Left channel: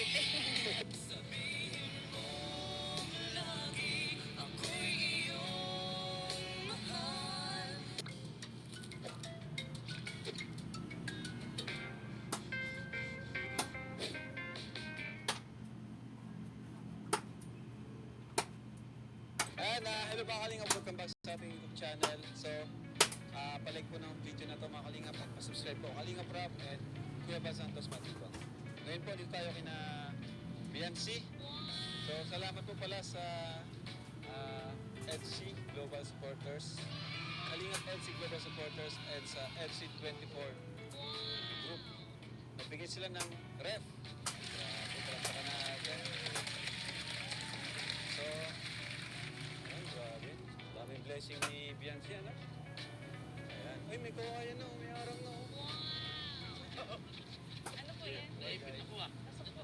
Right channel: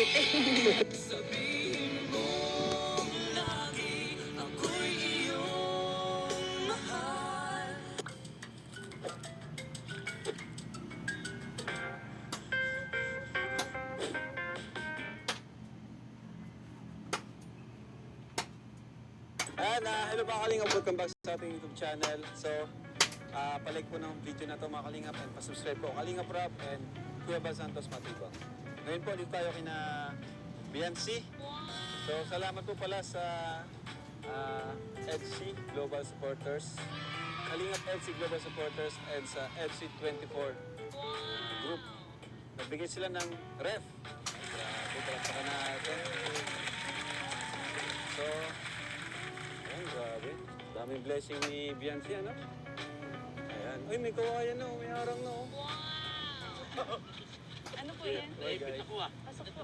Cavite. Hello mga Kalingap, welcome back sa ating YouTube channel. So, palike po ng video na to mga Kalingap and pasubscribe po Kalingap Rap and Kuya Bal Santos Matibang. Ngayon po, dito tayo kina BNC. So, salamat po pala sa EDC Global Supporters, Kalingap EDC Global Supporters and sa EDC 24 Group. Nagbigay sila ng ref. Grabe, palakpakan natin. So, ayan, grabe. Daming blessing ni Bianchi, ano? Ayan. Uy, may kawayan na, may harang na. Ano po yan? Hey, guys. Pasok po.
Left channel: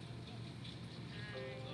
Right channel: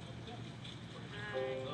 Ay.